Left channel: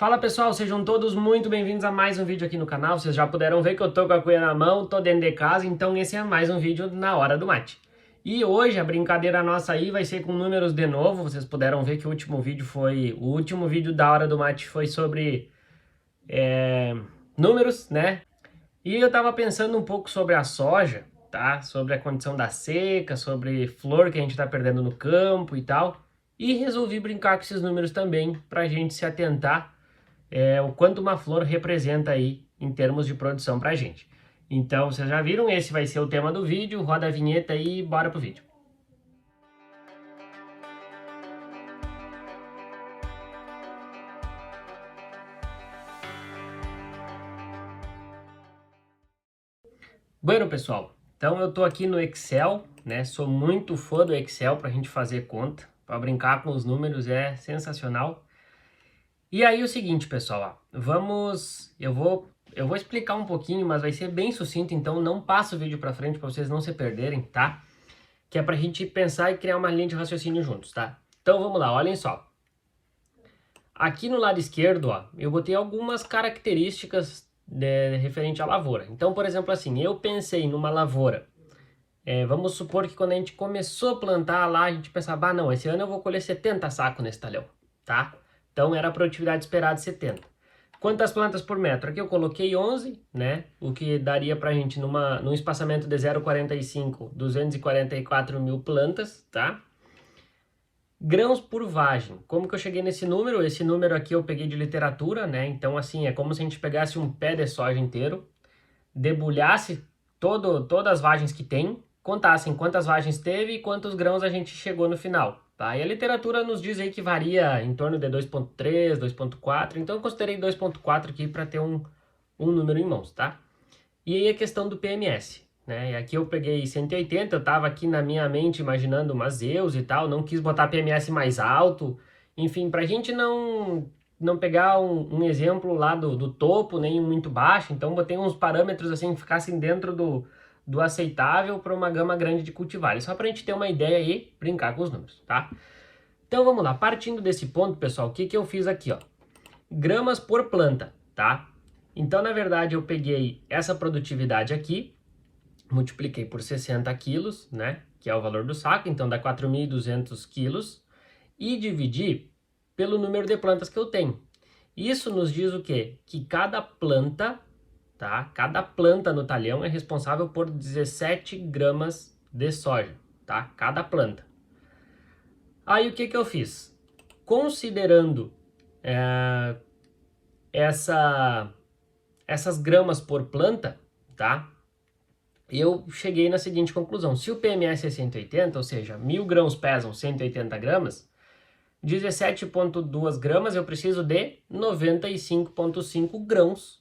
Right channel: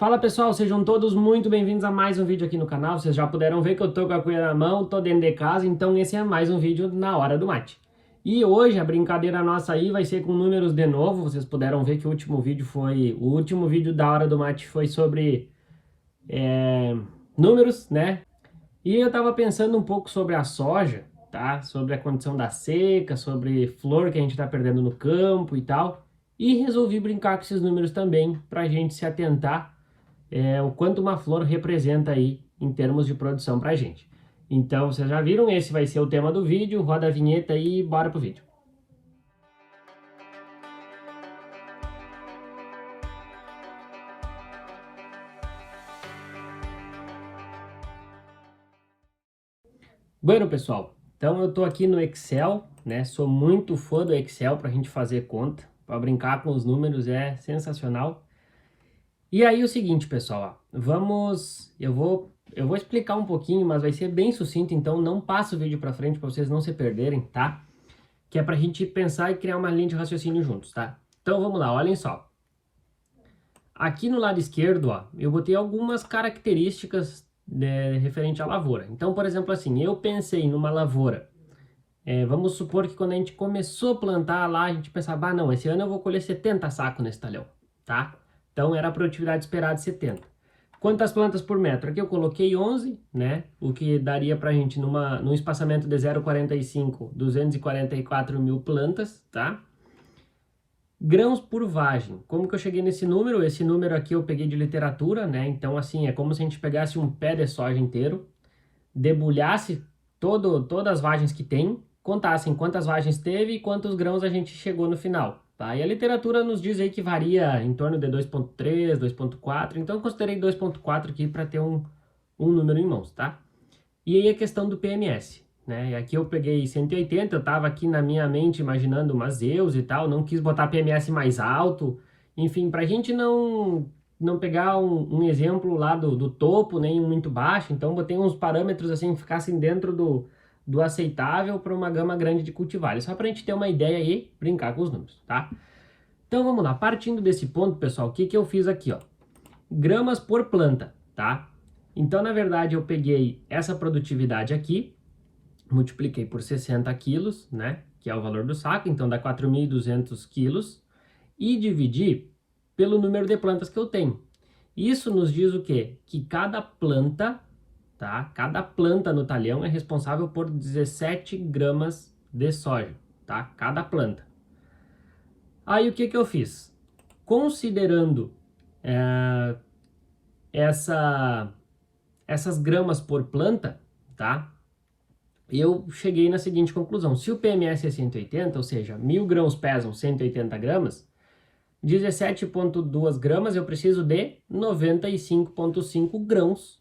Fala pessoal, sejam todos muito bem-vindos a mais um vídeo aqui no canal. Vocês já puderam ver que eu tô com a cuia na mão, tô dentro de casa, então esse é mais um vídeo na hora do mate. E hoje a brincadeira nossa aí vai ser com números de novo. Vocês puderam ver que o último vídeo da hora do mate foi sobre números, né? E eu tava pensando um pouco sobre a soja, tá? Sobre a condição da seca, sobre flor que a gente tá perdendo no campo e tal. E resolvi brincar com esses números também, pra gente se atentar o quanto uma flor representa aí em termos de produção pra gente. Então, vocês já viram, esse vai ser o tema do vídeo, roda a vinheta e bora pro vídeo. Bueno, pessoal, então eu tô aqui no Excel, né? Sou muito fã do Excel pra gente fazer conta, pra brincar com os números é sensacional. E aí o seguinte, pessoal, ó, eu vou explicar um pouquinho, mas vai ser bem sucinto, então não passa o vídeo para frente para vocês não se perderem, tá? Que é para a gente pensar e criar uma linha de raciocínio juntos, tá? Então vamos lá, olhem só. Aqui no lado esquerdo, ó, eu botei algumas características referente à lavoura. Então, por exemplo, assim, eu pensei numa lavoura. Vamos supor que quando a gente começou a plantar lá, a gente pensava, ah, não, esse ano eu vou colher 70 sacos nesse talhão, tá? Então era a produtividade esperada de 70. Quantas plantas por metro? Aqui eu coloquei 11, né? O que daria pra gente num espaçamento de 0,45, 244 mil plantas, tá? Grãos por vagem. Como que eu cheguei nesse número? Esse número aqui eu peguei de literatura, né? Então assim, é como se a gente pegasse um pé de soja inteiro, debulhasse todas as vagens que tem, contassem quantas vagens teve e quantos grãos a gente chegou no final. Tá? E a literatura nos diz aí que varia em torno de 2,3, 2,4, então eu considerei 2,4 aqui para ter um número em mãos, tá? E aí a questão do PMS, né? E aqui eu peguei 180, eu tava aqui na minha mente imaginando umas Zeus e tal, não quis botar PMS mais alto, enfim, pra gente não pegar um exemplo lá do topo, nem muito baixo, então botei uns parâmetros assim que ficassem dentro do aceitável para uma gama grande de cultivares, só para a gente ter uma ideia aí, brincar com os números, tá? Então vamos lá, partindo desse ponto, pessoal, o que que eu fiz aqui, ó? Gramas por planta, tá? Então, na verdade, eu peguei essa produtividade aqui, multipliquei por 60 quilos, né? Que é o valor do saco, então dá 4.200 quilos, e dividi pelo número de plantas que eu tenho. Isso nos diz o quê? Que cada planta, tá? Cada planta no talhão é responsável por 17 gramas de soja, tá? Cada planta. Aí o que que eu fiz? Considerando essas gramas por planta, tá? Eu cheguei na seguinte conclusão. Se o PMS é 180, ou seja, 1.000 grãos pesam 180 gramas, 17,2 gramas eu preciso de 95,5 grãos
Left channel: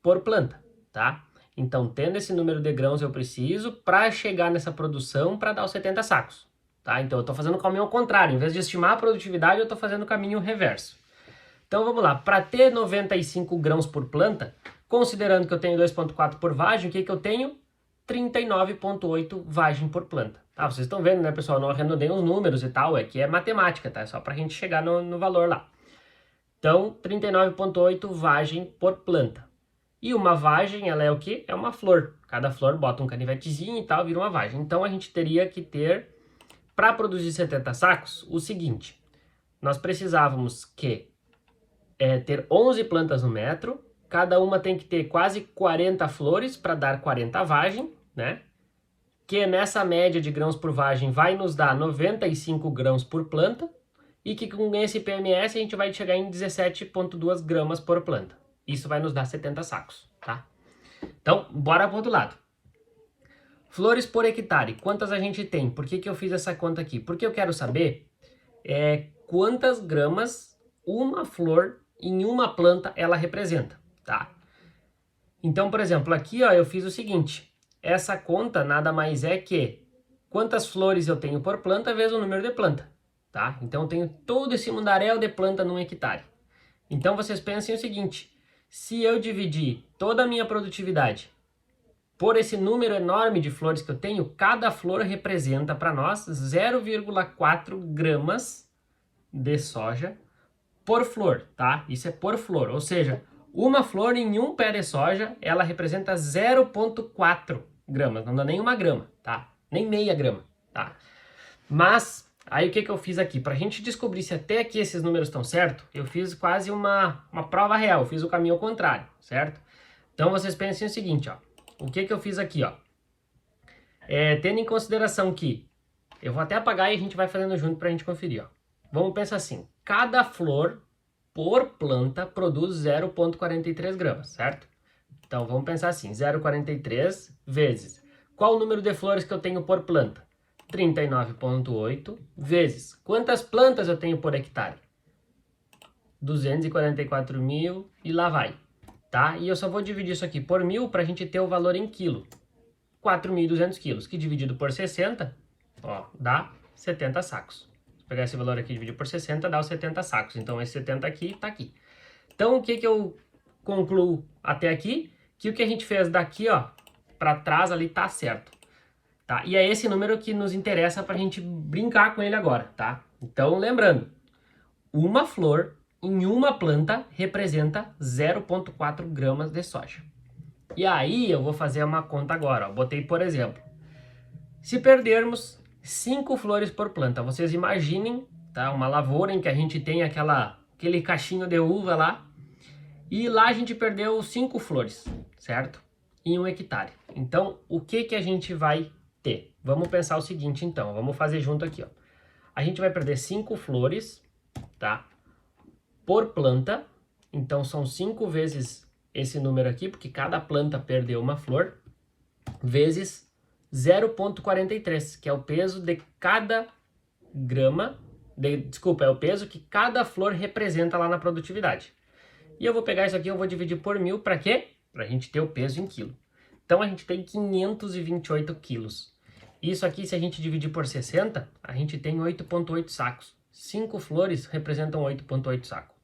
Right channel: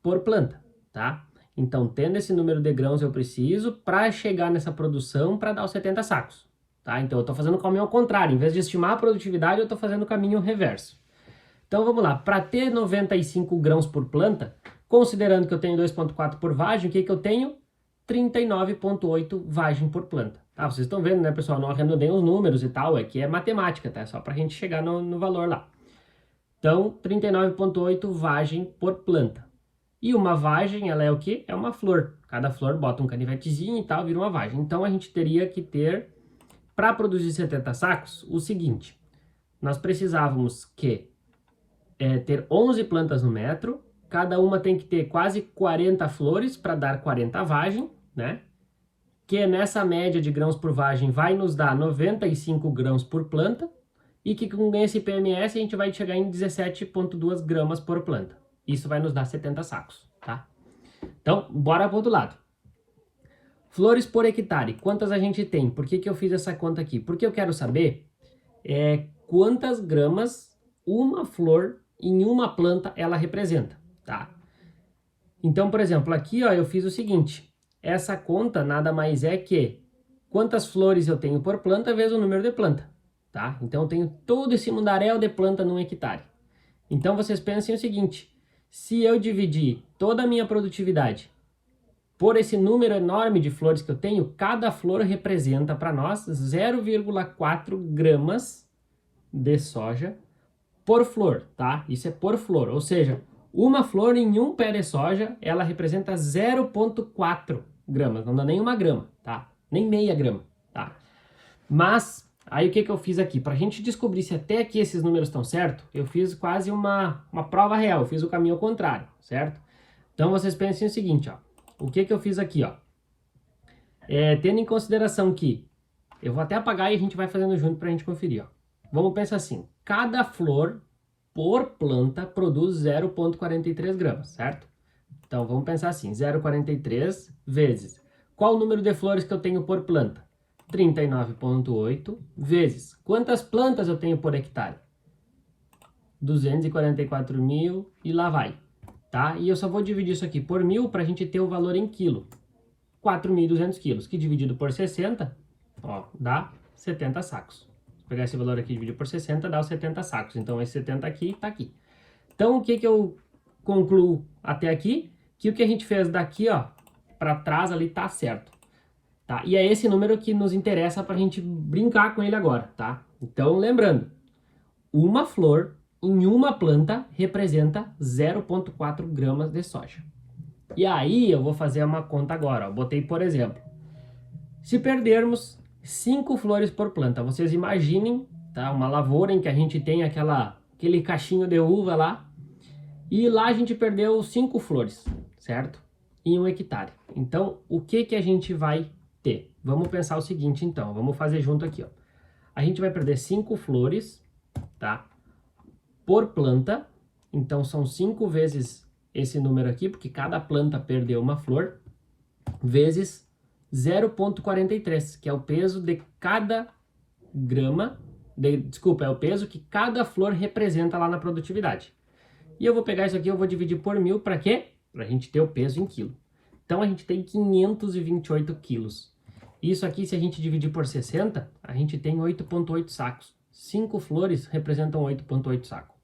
por planta, tá? Então, tendo esse número de grãos eu preciso para chegar nessa produção para dar os 70 sacos, tá? Então, eu estou fazendo o caminho ao contrário. Em vez de estimar a produtividade, eu estou fazendo o caminho reverso. Então, vamos lá. Para ter 95 grãos por planta, considerando que eu tenho 2,4 por vagem, o que que eu tenho? 39,8 vagem por planta. Ah, vocês estão vendo, né, pessoal? Eu não arredondei os números e tal, é que é matemática, tá? É só para a gente chegar no valor lá. Então, 39,8 vagem por planta. E uma vagem, ela é o quê? É uma flor. Cada flor bota um canivetezinho e tal, vira uma vagem. Então, a gente teria que ter, para produzir 70 sacos, o seguinte. Nós precisávamos ter 11 plantas no metro. Cada uma tem que ter quase 40 flores para dar 40 vagem, né? Que nessa média de grãos por vagem vai nos dar 95 grãos por planta. E que com esse PMS a gente vai chegar em 17,2 gramas por planta. Isso vai nos dar 70 sacos, tá? Então, bora pro outro lado. Flores por hectare, quantas a gente tem? Por que que eu fiz essa conta aqui? Porque eu quero saber quantas gramas uma flor em uma planta ela representa, tá? Então, por exemplo, aqui ó, eu fiz o seguinte. Essa conta nada mais é que quantas flores eu tenho por planta vezes o número de planta, tá? Então, eu tenho todo esse mundaréu de planta num hectare. Então, vocês pensem o seguinte. Se eu dividir toda a minha produtividade por esse número enorme de flores que eu tenho, cada flor representa para nós 0,4 gramas de soja por flor, tá? Isso é por flor, ou seja, uma flor em um pé de soja, ela representa 0,4 gramas, não dá nem uma grama, tá? Nem meia grama, tá? Mas, aí o que eu fiz aqui? Para a gente descobrir se até aqui esses números estão certos, eu fiz quase uma prova real, eu fiz o caminho ao contrário, certo? Então, vocês pensem o seguinte, ó. O que eu fiz aqui, ó. Tendo em consideração que, eu vou até apagar e a gente vai fazendo junto para a gente conferir, ó. Vamos pensar assim, cada flor por planta produz 0,43 gramas, certo? Então, vamos pensar assim, 0,43 vezes. Qual o número de flores que eu tenho por planta? 39,8 vezes. Quantas plantas eu tenho por hectare? 244 mil e lá vai, tá? E eu só vou dividir isso aqui por 1.000 para a gente ter o valor em quilo. 4.200 quilos, que dividido por 60, ó, dá 70 sacos. Se pegar esse valor aqui e dividir por 60, dá os 70 sacos. Então, esse 70 aqui tá aqui. Então, o que eu concluo até aqui? Que o que a gente fez daqui, ó, para trás ali tá certo. Tá? E é esse número que nos interessa para a gente brincar com ele agora, tá? Então, lembrando, uma flor em uma planta representa 0,4 gramas de soja. E aí eu vou fazer uma conta agora, ó. Botei, por exemplo, se perdermos 5 flores por planta, vocês imaginem, tá? Uma lavoura em que a gente tem aquele cachinho de uva lá, e lá a gente perdeu 5 flores, certo? Em 1 hectare. Então, o que a gente vai ter? Vamos pensar o seguinte, então. Vamos fazer junto aqui, ó. A gente vai perder 5 flores, tá? Por planta. Então, são 5 vezes esse número aqui, porque cada planta perdeu uma flor, vezes 0,43, que é o peso de cada grama, desculpa, é o peso que cada flor representa lá na produtividade. E eu vou pegar isso aqui, eu vou dividir por 1.000, para quê? Para a gente ter o peso em quilo. Então, a gente tem 528 quilos. Isso aqui, se a gente dividir por 60, a gente tem 8,8 sacos. 5 flores representam 8,8 sacos,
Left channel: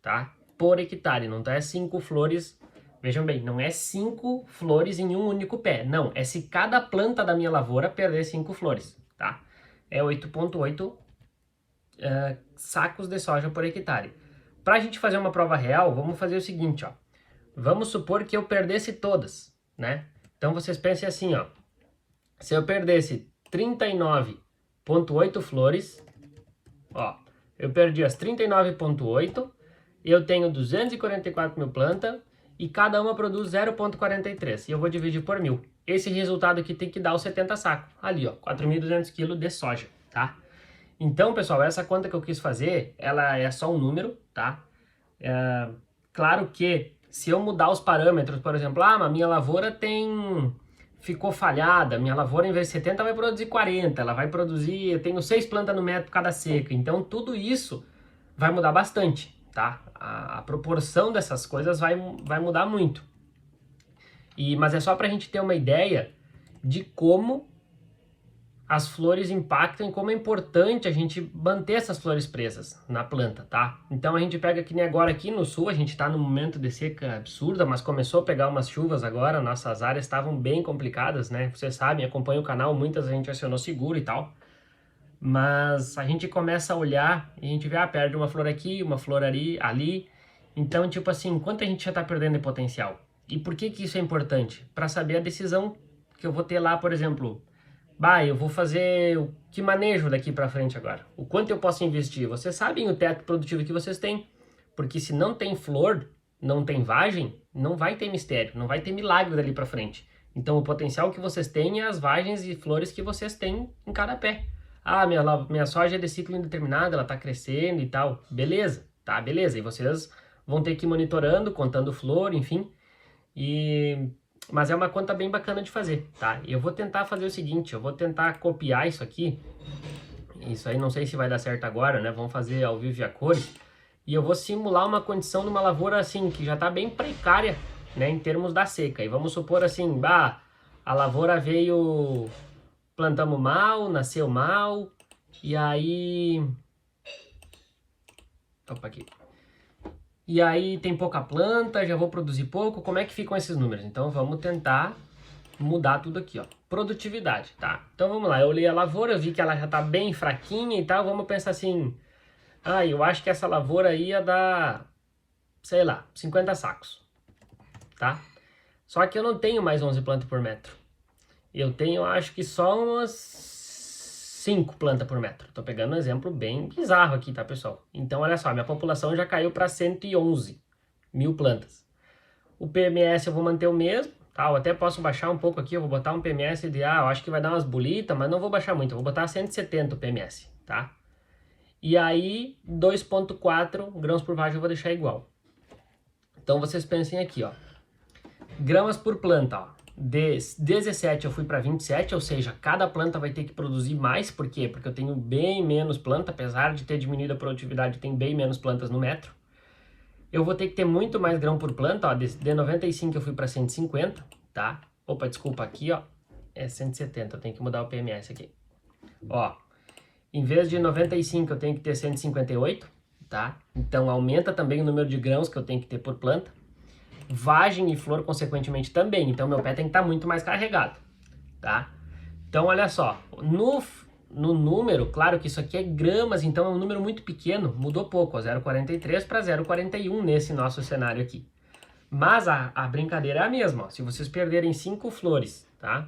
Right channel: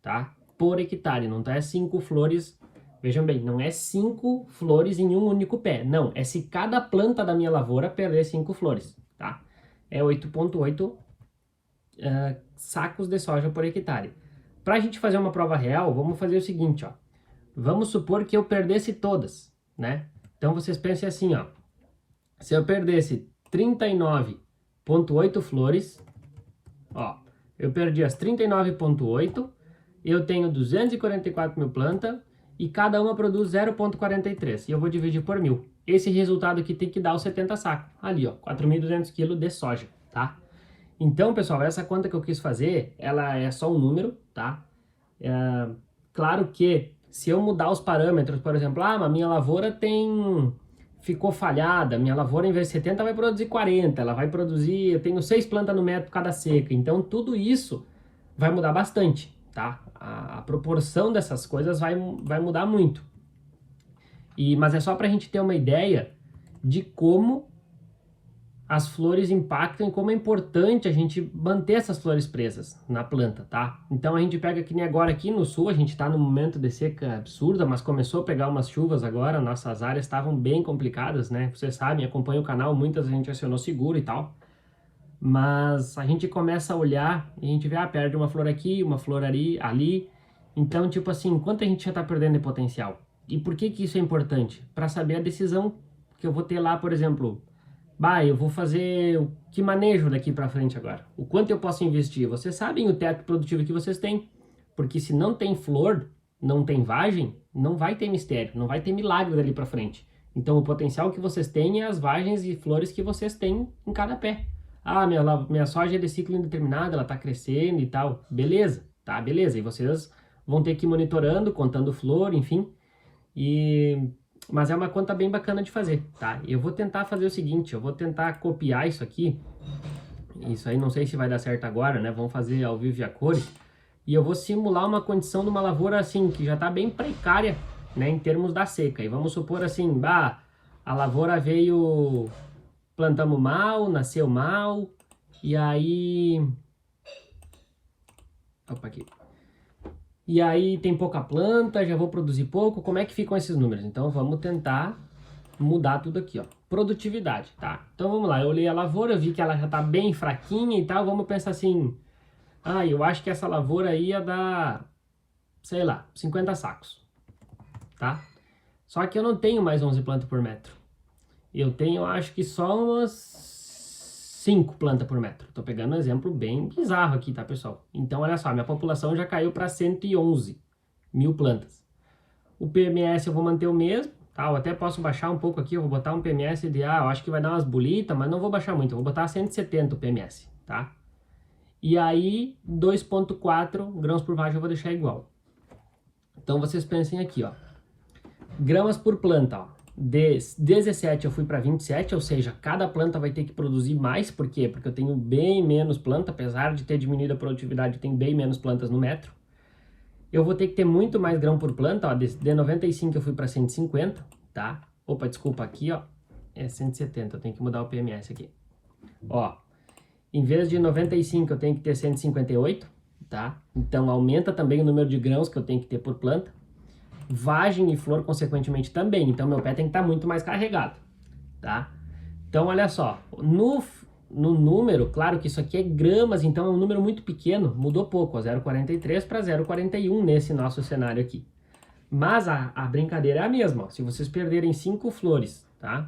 tá? Por hectare, não tá? É 5 flores, vejam bem, não é 5 flores em um único pé. Não, é se cada planta da minha lavoura perder 5 flores, tá? É 8,8 sacos de soja por hectare. Para a gente fazer uma prova real, vamos fazer o seguinte, ó. Vamos supor que eu perdesse todas, né? Então, vocês pensem assim, ó. Se eu perdesse 39,8 flores, ó, eu perdi as 39,8, eu tenho 244 mil plantas e cada uma produz 0,43 e eu vou dividir por 1.000. Esse resultado aqui tem que dar os 70 sacos, ali ó, 4.200 kg de soja, tá? Então, pessoal, essa conta que eu quis fazer, ela é só um número, tá? Claro que se eu mudar os parâmetros, por exemplo, a minha lavoura ficou falhada, minha lavoura em vez de 70 vai produzir 40, ela vai produzir, eu tenho 6 plantas no metro cada seca, então tudo isso vai mudar bastante, tá? A proporção dessas coisas vai mudar muito. Mas é só para a gente ter uma ideia de como as flores impactam e como é importante a gente manter essas flores presas na planta, tá? Então a gente pega que nem agora aqui no sul, a gente tá num momento de seca absurda, mas começou a pegar umas chuvas agora, nossas áreas estavam bem complicadas, né? Vocês sabem, acompanha o canal, muitas a gente acionou seguro e tal. Mas a gente começa a olhar e a gente vê, perde uma flor aqui, uma flor ali. Então, tipo assim, quanto a gente já tá perdendo de potencial? E por que isso é importante? Para saber a decisão que eu vou ter lá, por exemplo, eu vou fazer que manejo daqui para frente agora? O quanto eu posso investir? Vocês sabem o teto produtivo que vocês têm. Porque se não tem flor, não tem vagem, não vai ter mistério, não vai ter milagre dali para frente. Então o potencial que vocês têm é as vagens e flores que vocês têm em cada pé. Minha soja é de ciclo indeterminado, ela tá crescendo e tal. Beleza, tá, beleza. E vocês vão ter que ir monitorando, contando flor, enfim. Mas é uma conta bem bacana de fazer, tá? Eu vou tentar fazer o seguinte, eu vou tentar copiar isso aqui. Isso aí não sei se vai dar certo agora, né? Vamos fazer ao vivo e a cores. E eu vou simular uma condição de uma lavoura assim, que já tá bem precária, né? Em termos da seca. E vamos supor assim, a lavoura veio... Plantamos mal, nasceu mal, e aí... Opa, aqui. E aí tem pouca planta, já vou produzir pouco, como é que ficam esses números? Então vamos tentar mudar tudo aqui, ó. Produtividade, tá? Então vamos lá, eu olhei a lavoura, vi que ela já tá bem fraquinha e tal, vamos pensar assim, Ah, eu acho que essa lavoura ia dar, sei lá, 50 sacos, tá? Só que eu não tenho mais 11 plantas por metro. Eu tenho, acho que só umas 5 plantas por metro. Tô pegando um exemplo bem bizarro aqui, tá, pessoal? Então, olha só, minha população já caiu para 111 mil plantas. O PMS eu vou manter o mesmo, tá? Eu até posso baixar um pouco aqui, eu vou botar um PMS de, eu acho que vai dar umas bolitas, mas não vou baixar muito, eu vou botar 170 o PMS, tá? E aí, 2,4 grãos por vagem eu vou deixar igual. Então, vocês pensem aqui, ó. Gramas por planta, ó. De 17 eu fui para 27, ou seja, cada planta vai ter que produzir mais. Por quê? Porque eu tenho bem menos planta, apesar de ter diminuído a produtividade, tem bem menos plantas no metro. Eu vou ter que ter muito mais grão por planta, ó. De 95 eu fui para 150, tá? Opa, desculpa, aqui, ó, é 170, eu tenho que mudar o PMS aqui. Ó, em vez de 95 eu tenho que ter 158, tá? Então aumenta também o número de grãos que eu tenho que ter por planta. Vagem e flor, consequentemente, também. Então, meu pé tem que estar muito mais carregado, tá? Então, olha só. No número, claro que isso aqui é gramas, então é um número muito pequeno. Mudou pouco, 0,43 para 0,41 nesse nosso cenário aqui. Mas a brincadeira é a mesma. Ó. Se vocês perderem 5 flores, tá?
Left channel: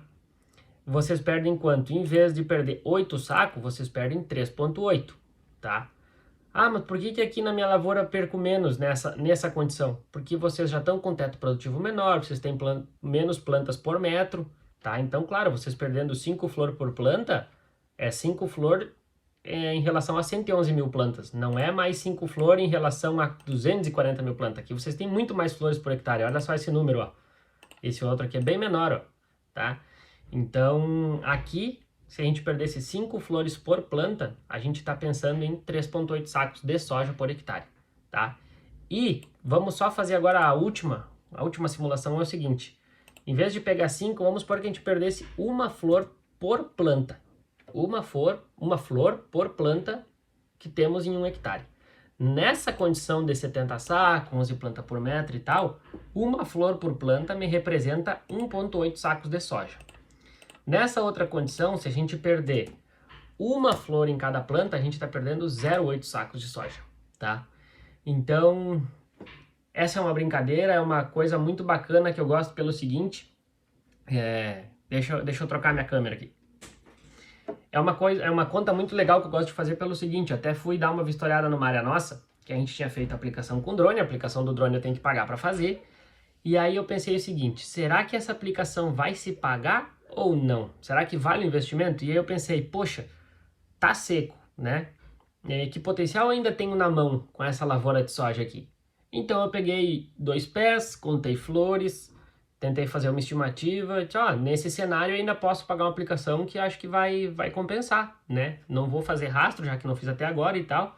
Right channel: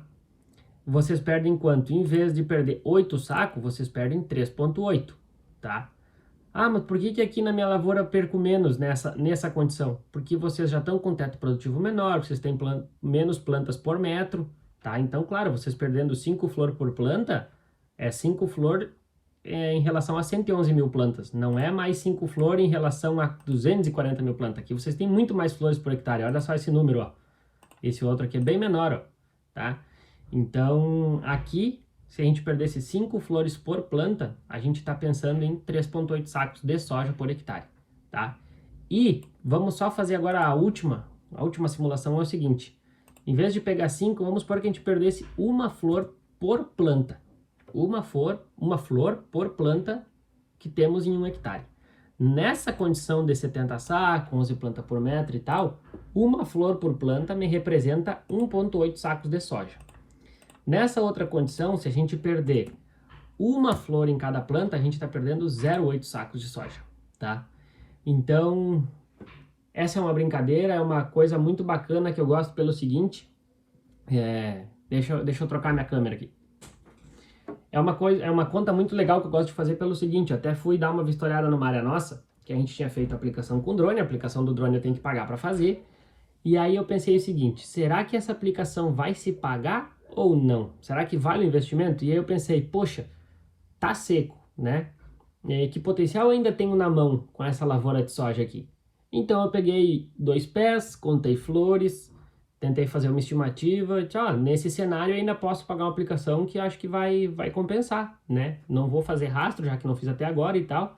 Vocês perdem quanto? Em vez de perder 8 sacos, vocês perdem 3,8, tá? Ah, mas por que aqui na minha lavoura eu perco menos nessa condição? Porque vocês já estão com teto produtivo menor, vocês têm menos plantas por metro, tá? Então, claro, vocês perdendo 5 flores por planta, é 5 flores em relação a 111 mil plantas. Não é mais 5 flores em relação a 240 mil plantas. Aqui vocês têm muito mais flores por hectare. Olha só esse número, ó. Esse outro aqui é bem menor, ó, tá? Então, aqui... Se a gente perdesse 5 flores por planta, a gente está pensando em 3,8 sacos de soja por hectare, tá? E vamos só fazer agora a última simulação é o seguinte. Em vez de pegar 5, vamos supor que a gente perdesse uma flor por planta. Uma flor por planta que temos em 1 hectare. Nessa condição de 70 sacos, 11 plantas por metro e tal, uma flor por planta me representa 1,8 sacos de soja. Nessa outra condição, se a gente perder uma flor em cada planta, a gente está perdendo 0,8 sacos de soja, tá? Então, essa é uma brincadeira, é uma coisa muito bacana que eu gosto pelo seguinte, deixa eu trocar minha câmera aqui. É uma conta muito legal que eu gosto de fazer pelo seguinte, eu até fui dar uma vistoriada numa área nossa, que a gente tinha feito a aplicação com drone, a aplicação do drone eu tenho que pagar para fazer, e aí eu pensei o seguinte, será que essa aplicação vai se pagar ou não? Será que vale o investimento? E aí eu pensei, poxa, tá seco, né? Que potencial ainda tenho na mão com essa lavoura de soja aqui? Então eu peguei 2 pés, contei flores, tentei fazer uma estimativa, nesse cenário eu ainda posso pagar uma aplicação que acho que vai compensar, né? Não vou fazer rastro, já que não fiz até agora e tal.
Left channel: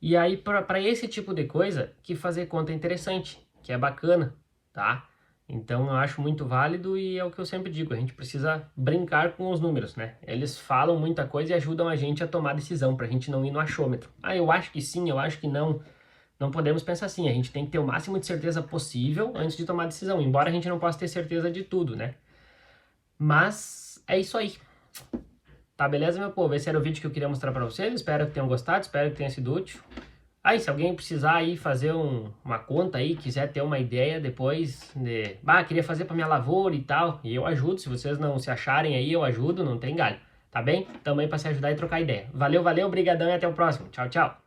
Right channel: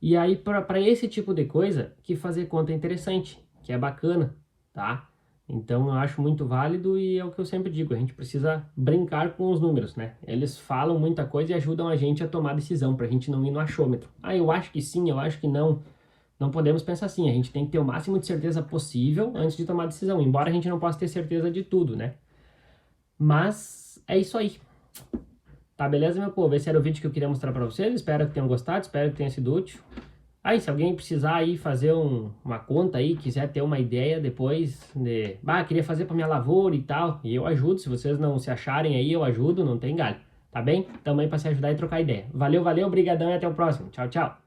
E aí, para esse tipo de coisa, que fazer conta é interessante, que é bacana, tá? Então, eu acho muito válido e é o que eu sempre digo, a gente precisa brincar com os números, né? Eles falam muita coisa e ajudam a gente a tomar decisão, para a gente não ir no achômetro. Eu acho que sim, eu acho que não. Não podemos pensar assim, a gente tem que ter o máximo de certeza possível antes de tomar decisão, embora a gente não possa ter certeza de tudo, né? Mas é isso aí. Tá, beleza, meu povo? Esse era o vídeo que eu queria mostrar para vocês, espero que tenham gostado, espero que tenha sido útil. Aí, se alguém precisar aí fazer uma conta aí, quiser ter uma ideia depois de... queria fazer para minha lavoura e tal, e eu ajudo, se vocês não se acharem aí, eu ajudo, não tem galho, tá bem? Tamo aí para se ajudar e trocar ideia. Valeu, obrigadão e até o próximo. Tchau, tchau.